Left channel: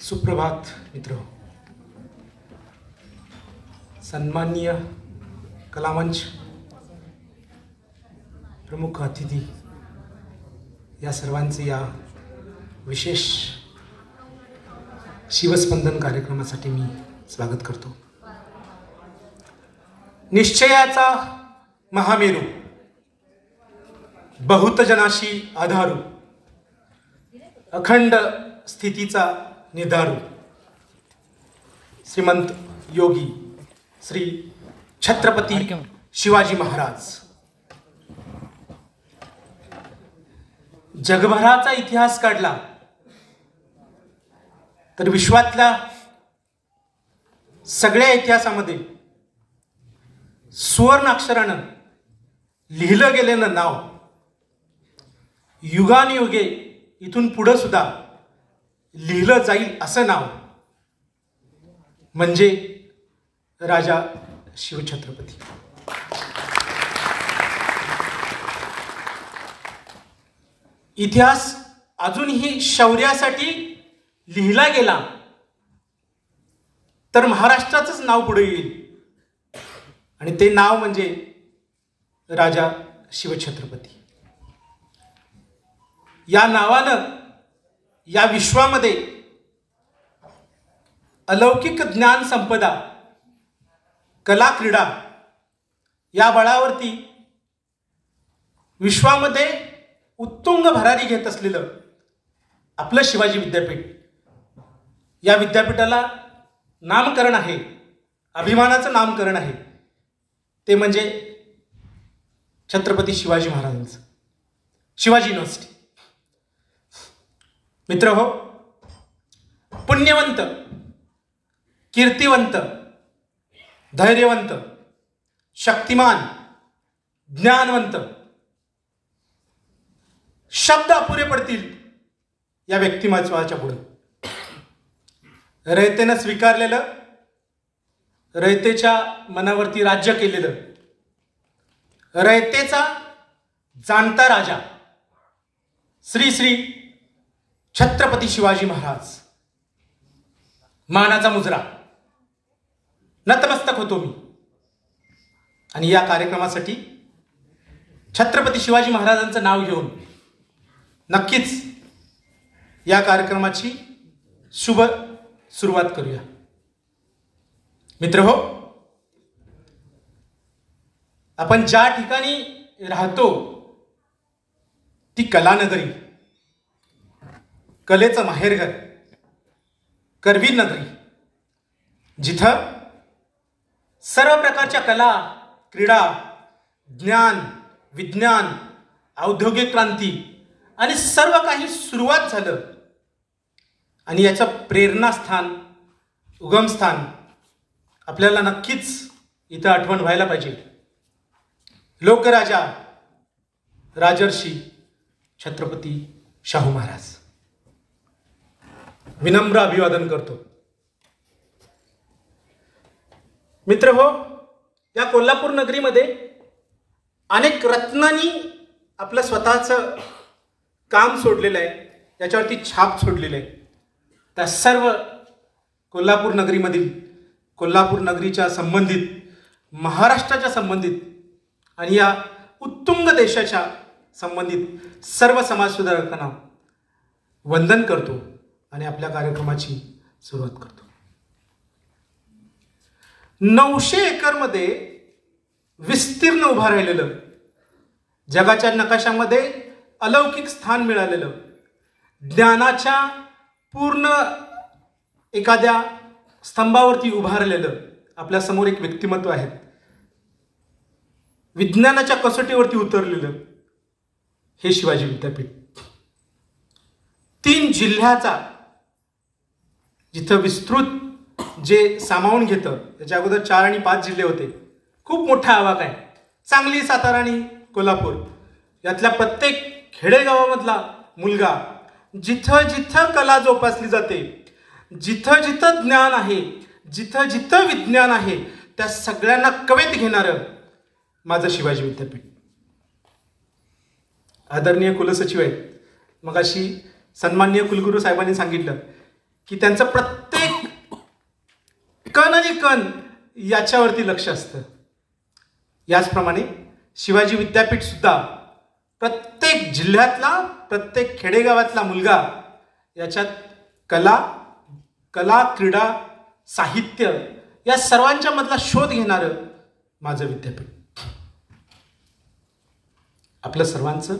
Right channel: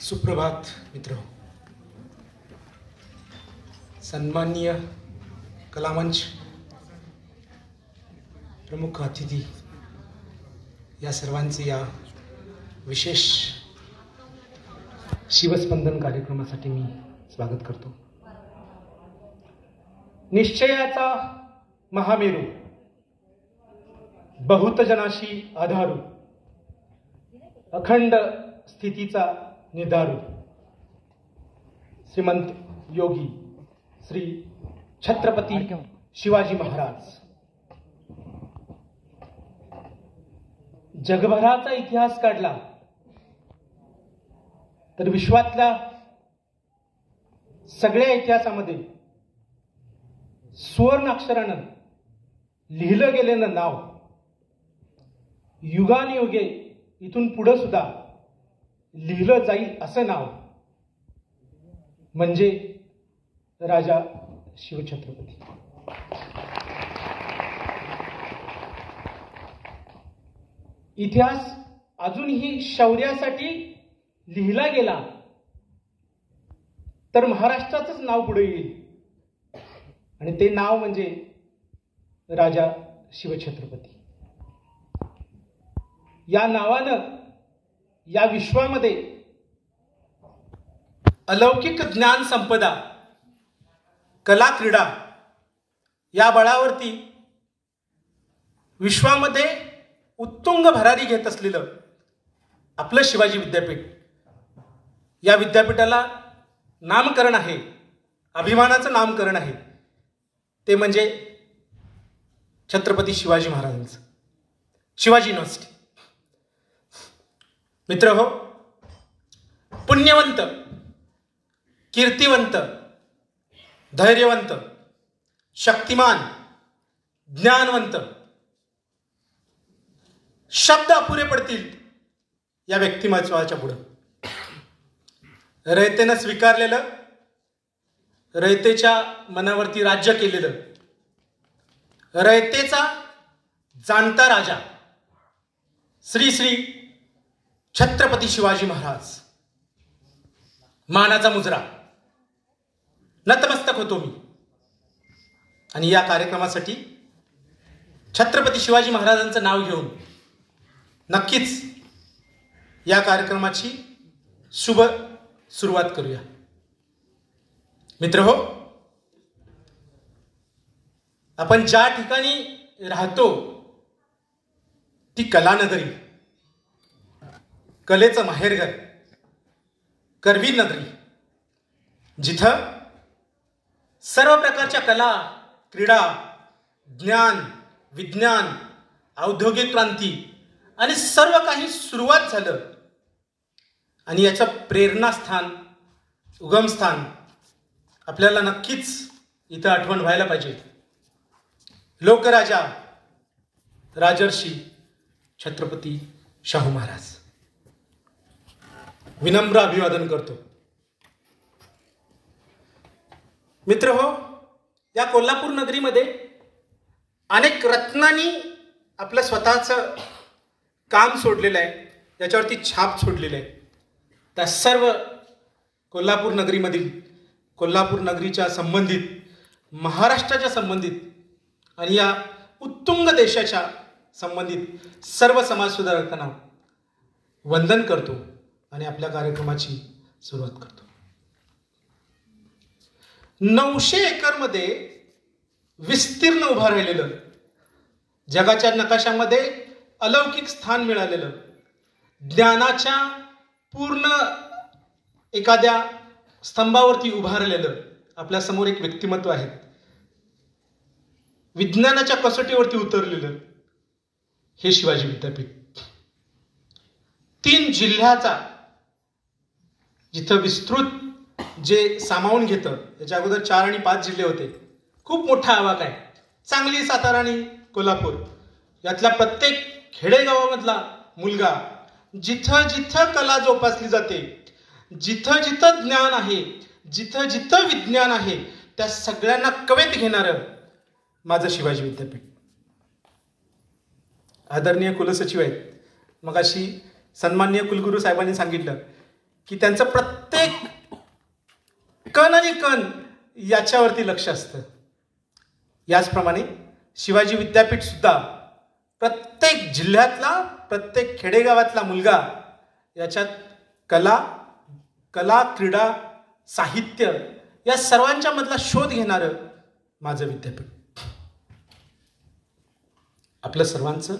सुप्रभात मित्र, सन्माननीय कलामंच प्रमुख अतिथी या सर्वांचे या विशेष शिवस्पंदन कार्यक्रमासाठी मी स्वागत करतो. निश्चयाचा महामेरू, बहुतजनाशी आधारू, अखंड स्थितीचा निर्धारू, श्रीमंत योगी श्री छत्रपती शिवाजी महाराज. जगभराचा इतिहास काढला तर विश्वातल्या सगळ्या इतिहासामध्ये सुवर्ण अक्षरानं लिहिलं गेलेलं नाव युगानुयुगे इथून पुढे सुद्धा लिहिलं जाईल असं नाव म्हणजे राजा शिवछत्रपती. इतिहास अजूनही शौर्यासाठी लिहिला गेला तर महाराष्ट्राचंच नाव पुढे येईल आणि ते नाव म्हणजे राजा शिवछत्रपती. या नावानं या विश्वामध्ये अलौकिक ज्ञान संपदा, कला, क्रीडा या बळावरती विश्वामध्ये उत्तुंग भरारी घेत असलेलं आपलं शिवाजी विद्यापीठ, या विद्यापीठाला नामकरण आहे, अभिमानाचं नामकरण आहे, ते म्हणजे छत्रपती शिवाजी महाराजांचं शिवाजी युनिव्हर्सिटी. मित्र हो, पुण्यवंत, कीर्तिवंत, धैर्यवंत, शक्तिमान, ज्ञानवंत शब्द अपुरे पडतील या व्यक्तिमत्वाच्या पुढे. रयतेनं स्वीकारलेलं, रयतेच्या मनावरती राज्य केलेलं, रयतेचा जाणता राजा श्री श्री छत्रपती शिवाजी महाराज. मानाचा मुजरा, नतमस्तक होतो मी. आणि या कार्यक्रमासाठी छत्रपती शिवाजी महाराजांचं नाव घेऊन नक्कीच या कार्यक्रमाची शुभ सुरुवात करूया. मित्र हो, आपण ज्या ठिकाणी राहतो ती कलानगरी, कलेचं माहेरघर, करवीर नगरी, जिथं सर्व प्रकारच्या कला, क्रीडा, ज्ञान, विज्ञान, औद्योगिक क्रांती आणि सर्व काही सुरुवात झालं. आणि याचं प्रेरणास्थान, उगमस्थान आपल्याला नक्कीच इथं आठवण व्हायला पाहिजे. लोकराजा राजर्षी छत्रपती शाहू महाराज. विनम्र अभिवादन करतो. मित्र हो, या कोल्हापूर नगरीमध्ये अनेक रत्नांनी आपलं स्वतःचं काम सोडलेलं आहे, त्याच्यावरती छाप सोडलेलं आहे. त्या सर्व कोल्हापूर नगरीमधील, कोल्हापूर नगरीच्या संबंधित, महाराष्ट्राच्या संबंधित आणि या उत्तुंग देशाच्या संबंधित सर्व समाजसुधारकांना वंदन करतो आणि आपल्या कार्यक्रमाची सुरुवात करतो. 900 एकरमध्ये विस्तीर्ण उभा राहिलेलं, जगाच्या नकाशामध्ये अलौकिक स्थान मिळालेलं, ज्ञानाच्या पूर्ण एखाद्या स्तंभावरती उभारलेलं आपल्या समोर एक व्यक्तिमत्व आहे. विज्ञानाच्या कसोटीवरती उतरलेलं हे शिवाजी विद्यापीठ. 3 जिल्ह्याचा जिथं विस्तृत जे सामावून घेतं, त्याच्या अगोदर 4 आणि 5 जिल्हे होते. खूप मोठा आवाक आहे. सांगली, सातारा आणि कोल्हापूर यातल्या प्रत्येक खेडेगावामधला मुलगा जिथं जिथं कला जोपासली जाते, जिथं जिथं ज्ञान आहे, जिथं जिथं विज्ञान आहे, त्या सगळ्यांना कवेत घेणारं माझं शिवाजी विद्यापीठ. आदरणीय कुलसचिव आहेत, मगाशी सन्माननीय कुलगुरू साहेबांनी सांगितलं की त्यांचं प्रत्येक कण आणि कण याच्यावरती लक्ष असतं. याचप्रमाणे शिवाजी विद्यापीठ सुद्धा प्रत्येक जिल्ह्यातला, प्रत्येक खेडेगावातला मुलगा याच्यात कला, क्रीडा, साहित्य या सर्वांच्या मधला शोध घेणारं माझं विद्यापीठ. आपलं सर्वांचं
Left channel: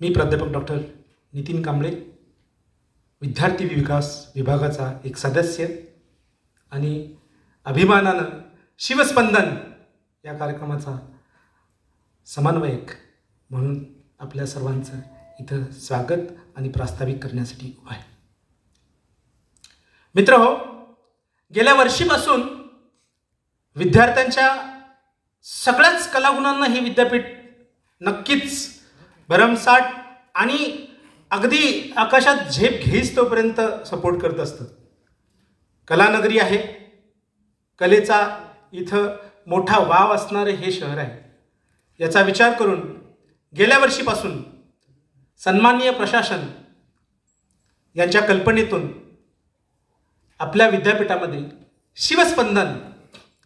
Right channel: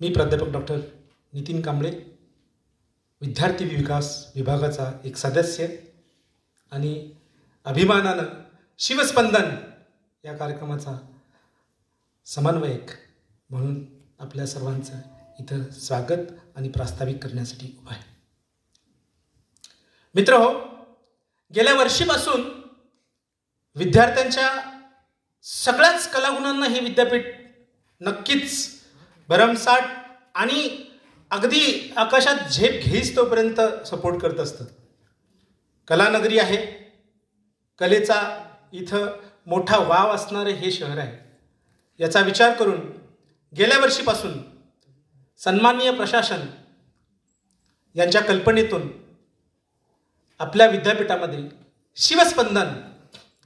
मी प्राध्यापक डॉक्टर नितीन कांबळे, विद्यार्थी विकास विभागाचा एक सदस्य आणि अभिमानानं शिवस्पंदन या कार्यक्रमाचा समन्वयक म्हणून आपल्या सर्वांचं इथं स्वागत आणि प्रास्ताविक करण्यासाठी उभा आहे. मित्रहो, गेल्या वर्षीपासून विद्यार्थ्यांच्या सगळ्याच कलागुणांना हे विद्यापीठ नक्कीच भरमसाठ आणि अगदी आकाशात झेप घेईस तोपर्यंत सपोर्ट करत असतं. कलानगरी आहे, कलेचा इथं मोठा वाव असणारे हे शहर आहे. याचा विचार करून गेल्या वर्षीपासून सन्माननीय प्रशासन यांच्या कल्पनेतून आपल्या विद्यापीठामध्ये शिवस्पंदन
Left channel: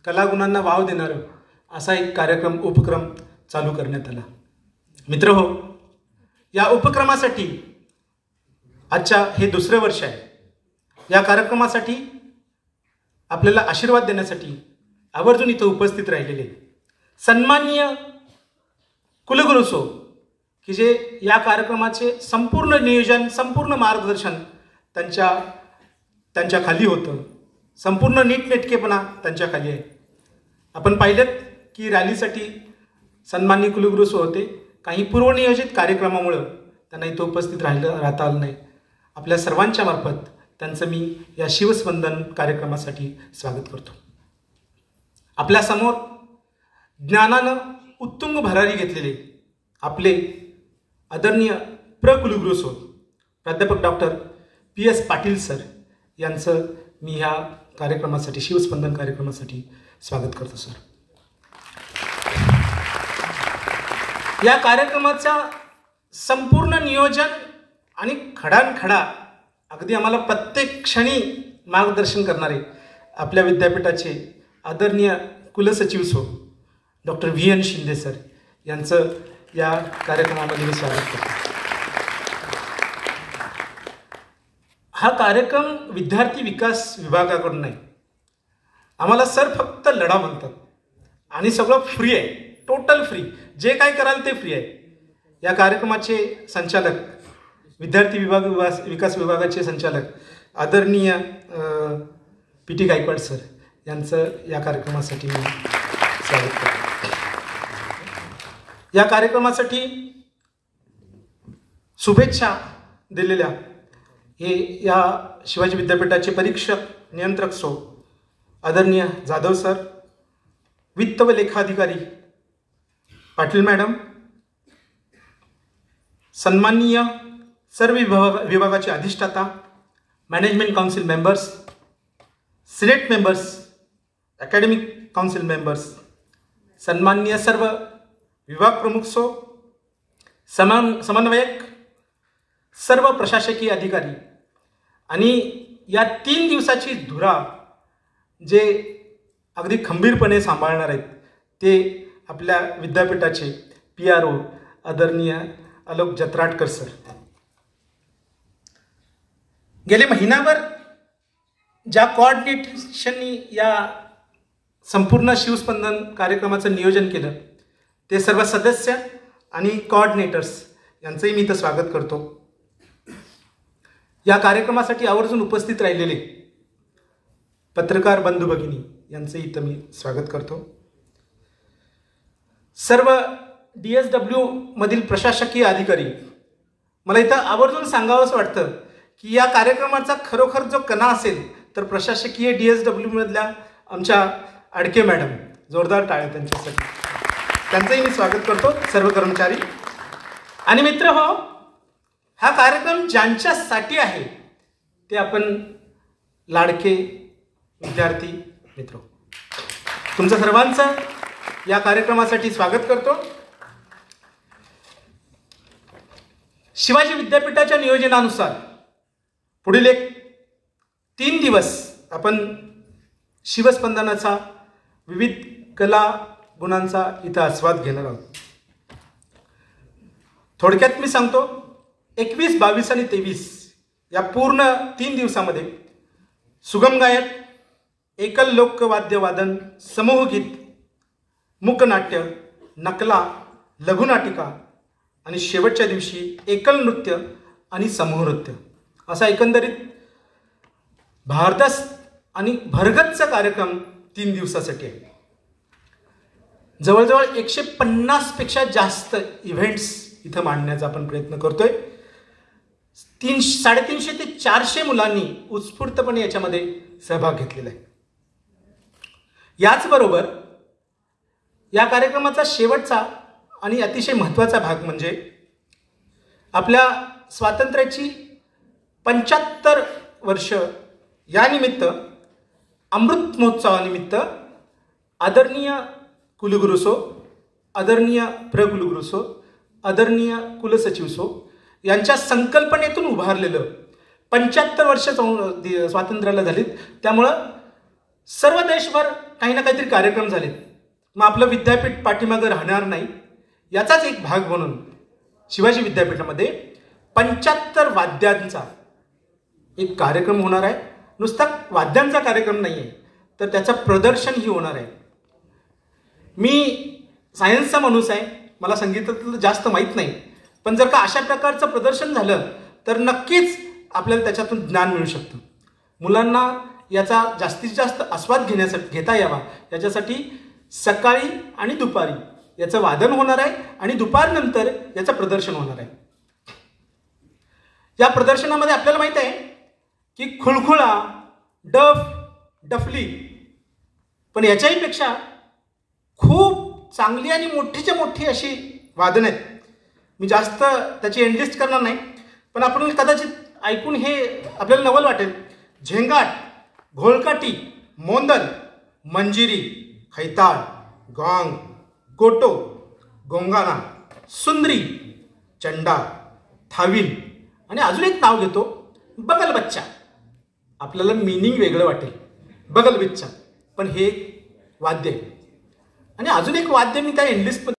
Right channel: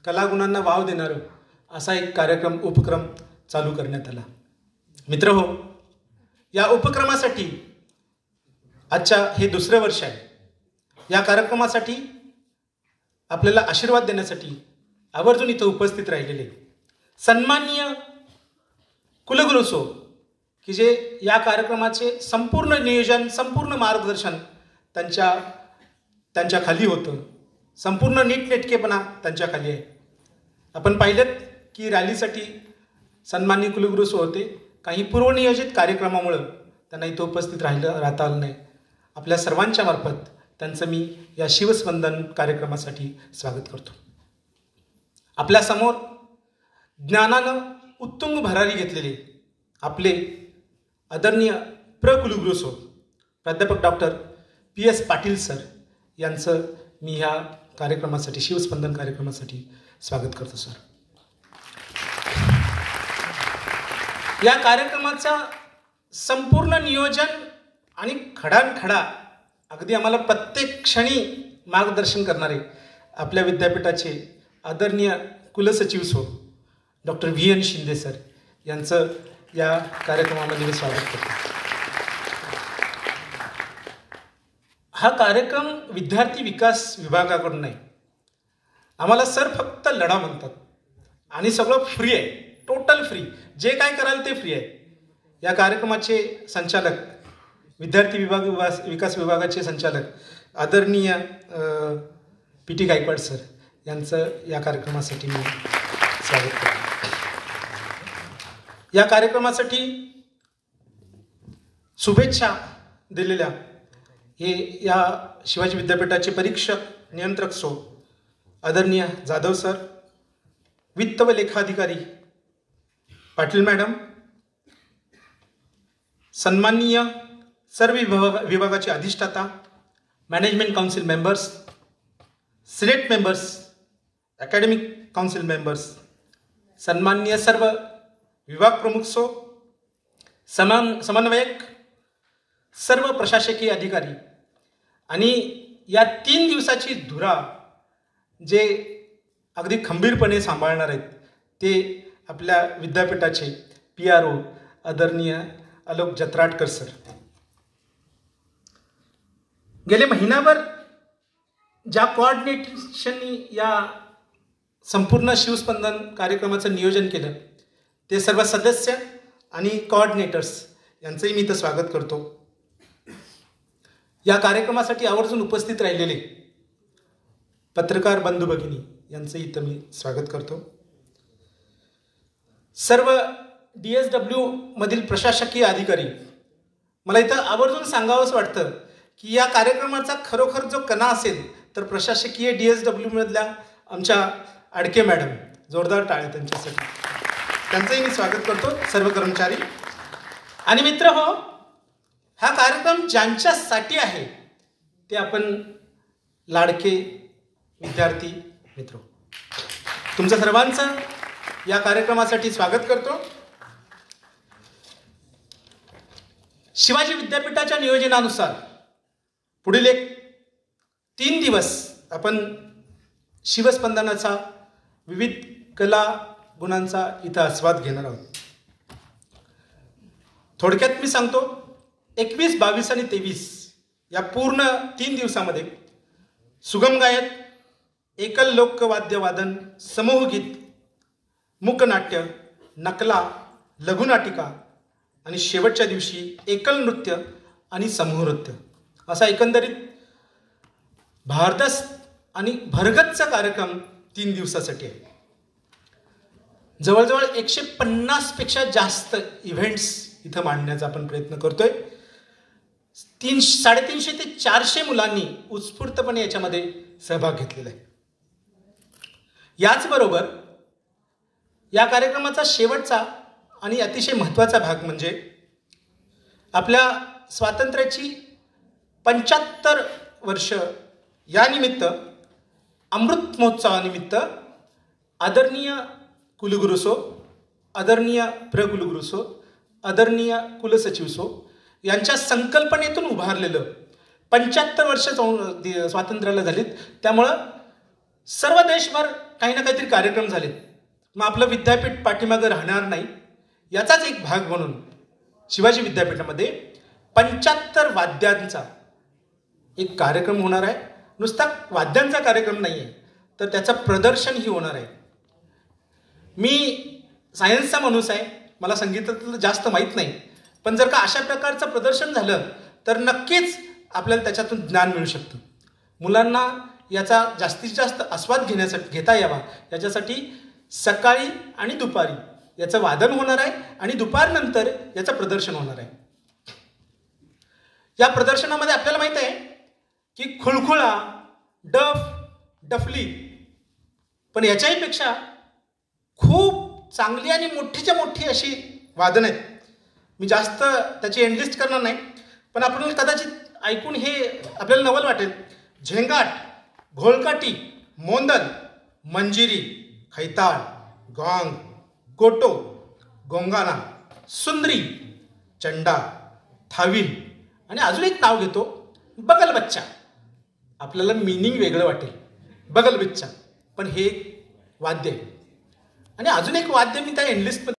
कलागुणांना वाव देणारं असा एक उपक्रम चालू करण्यात आला. मित्रहो, या उपक्रमासाठी आजच्या हे दुसरं वर्ष आहे. या कार्यक्रमासाठी आपल्याला आशीर्वाद देण्यासाठी आवर्जून इथं उपस्थित राहिलेले सन्माननीय कुलगुरू सो, की जे या कार्यक्रमाचे संपूर्ण नियोजन, संपूर्ण मार्गदर्शन त्यांच्या खाली होतं. संपूर्ण नीटनेटकेपणा त्यांच्या खाली आहे. आपण पाहिलं की रॅलीसाठी सन्माननीय कुलगुरू सो होते. काही पूर्वनियोजित कार्यक्रमामुळं त्यांना इथं उपस्थित राहता आलं नाही. आपल्या सर्वांच्या मार्फत त्यांचं मी या शिवस्पंदन कार्यक्रमासाठी स्वागत करतो. आपल्यासमोर ज्ञानानं उत्तुंग भरारी घेतलेले आपले आदरणीय कुलगुरू सो प्राध्यापक डॉक्टर PS पाटील सर यांचं मी ह्या कार्यक्रमासाठी, शिवस्पंदन कार्यक्रमासाठी स्वागत करतो. सर, या कार्यक्रमाचा संपूर्ण नियोजन आणि खडानखडा अगदी आम्हाला प्रत्येक क्षणी मार्गदर्शन करणारे आपल्या विद्यापीठाचे आदरणीय कुलसचिव so doctor VN Shinde sir यांचं या कार्यक्रमामध्ये मी स्वागत करतो. हा कार्यक्रम विद्यार्थी विकास विभागाकडून नाही. आम्हाला सर फक्त लढा म्हणतात आणि सगळं फ्री आहे, टोटल फ्री. जे काय कराल ते फ्री आहे. या कार्यक्रमाचे संचालक, विद्यार्थी विकास विभागाचे संचालक आदरणीय PT गायकवाड सर यांचं या कार्यक्रमासाठी मी स्वागत करतो. या कार्यक्रमासाठी शुभेच्छा दिलेल्या हे या शिवाजी विद्यापीठाचे परीक्षक नियंत्रक सो आदरणीय जाधव सर, वित्त व लेखाधिकारी पाटील मॅडम, सन्माननीय सर्व विभागाचे अधिष्ठाता, management council members, Senate members, academic council members, सन्माननीय सर्व विभाग प्रमुख सो, समन्वयक, सर्व प्रशासकीय अधिकारी आणि या 3 दिवसाची धुरा जे अगदी खंबीरपणे सांभाळणार आहेत ते आपल्या विद्यापीठाचे PRO आदरणीय आलोक जत्राटकर सर. गेले महिनाभर ज्या कोऑर्डिनेशननी या संपूर्ण शिवस्पंदन कार्यक्रमाचं नियोजन केलं ते सर्व सदस्य आणि कोऑर्डिनेटर्स यांचंही मी इथं स्वागत करतो. या कार्यक्रमासाठी आवर्जून उपस्थित राहिलेले पत्रकार बंधू भगिनी यांचंही इथं मी स्वागत करतो. सर्व DSW मधील प्रशासकीय अधिकारी, मला इथं आवर्जून सांगावंच वाटतं की या कार्यक्रमाचा खरोखर जो कणा असेल तर प्रशासकीय DSW मधल्या आमच्या अडके मॅडम, जोरदार टाळ्या त्यांच्यासाठी. त्यांचंही मी स्वागत करतो, सर्व कर्मचारी. आणि मित्र हो, हा कार्यक्रम ज्यांच्यासाठी आहे ते आपण लाडके विद्यार्थी मित्र, तुमचं सर्वांचं या कार्यक्रमासाठी स्वागत करतो. शिवाजी विद्यापीठाच्या नियोजनानुसार पुढील एक 3 दिवस आपण शिवस्पंदनाचा विविध कला गुणांचा इथं आस्वाद घेणार आहोत. थोडक्यात मी सांगतो, 21, 22 आणि 23 या पूर्ण 3 दिवसामध्ये सुगम गायन, एकल लोकवाद्यवादन, समूहगीत, मूकनाट्य, नकला, लघुनाटिका आणि शेवटच्या दिवशी एकल नृत्य आणि समूह नृत्य असा एकंदरीत भारदस्त आणि भरगच्च कार्यक्रम 3 दिवसासाठी आहे. जवळजवळ 150 पेक्षा जास्त इव्हेंट्स इथं मांडण्याचा आपण प्रयत्न करतोय. 350 ते 400 मुलांनी उत्स्फूर्तपणे याच्यामध्ये सहभाग घेतलेला आहे. याचबरोबर या कार्यक्रमाचा शेवटचा आणि अतिशय महत्त्वाचा भाग म्हणजे आपल्या स्वातंत्र्याची 75 वर्ष या निमित्त, अमृत महोत्सवानिमित्त आदरणीय कुलगुरुसो, आदरणीय प्रकुलगुरुसो, आदरणीय कुलसचिवसो यांच्या संकल्पनेतून उभारलेलं 75 वर्ष स्वातंत्र्याला झालीत. त्यामुळं सर्व देशभर काही ना काहीतरी कार्यक्रम झालेत. मग आपलं विद्यापीठ पाठीमागं राहणार नाही याचाच एक भाग म्हणून शिवाजी विद्यापीठामध्ये 75 वाद्यांचा एक कार्यक्रम होणार आहे. नुसता वाद्यांचा कार्यक्रम नाही आहे, तर त्याचं प्रदर्शनही होणार आहे. मी सायन्सचा माणूस आहे, मला संगीतातलं जास्त माहीत नाही, पण जर का अशा प्रकारचं प्रदर्शन झालं तर नक्कीच आपल्याला त्याच्यातून ज्ञान मिळू शकतं. मुलांना याचा जास्तीत जास्त आस्वाद घेता यावा याच्यासाठी सकाळी आणि दुपारी याचं वादन होणार आहे आणि दुपारनंतर याचं प्रदर्शन होणार आहे. या प्रदर्शनामध्ये आपल्याला माहित आहे की खुळखुळा, डफ, डफली, पण याच्याही पेक्षा खूप चांगली आणि मोठीच्या मोठी अशी वादन आहेत. मी जास्त त्याची एंडलिस्ट करणार नाही, पण आपण कदाचित ऐकून हे आपल्याला नवल वाटेल. झेंगाट, घोळकाटी, मोंदल, मंजिरी, खैताळ, गॉंग, गोटो, गोंगाना, सुंदरी, चंडा, थाविल आणि अजून एक नाव घेतो, बगल बच्चा. आपल्याला मिनिंग वेगळं वाटेल, बगल बच्चा, पण हे वाद्य आहे. आणि अजून एक वाद्य मी त्या एंडलिस्ट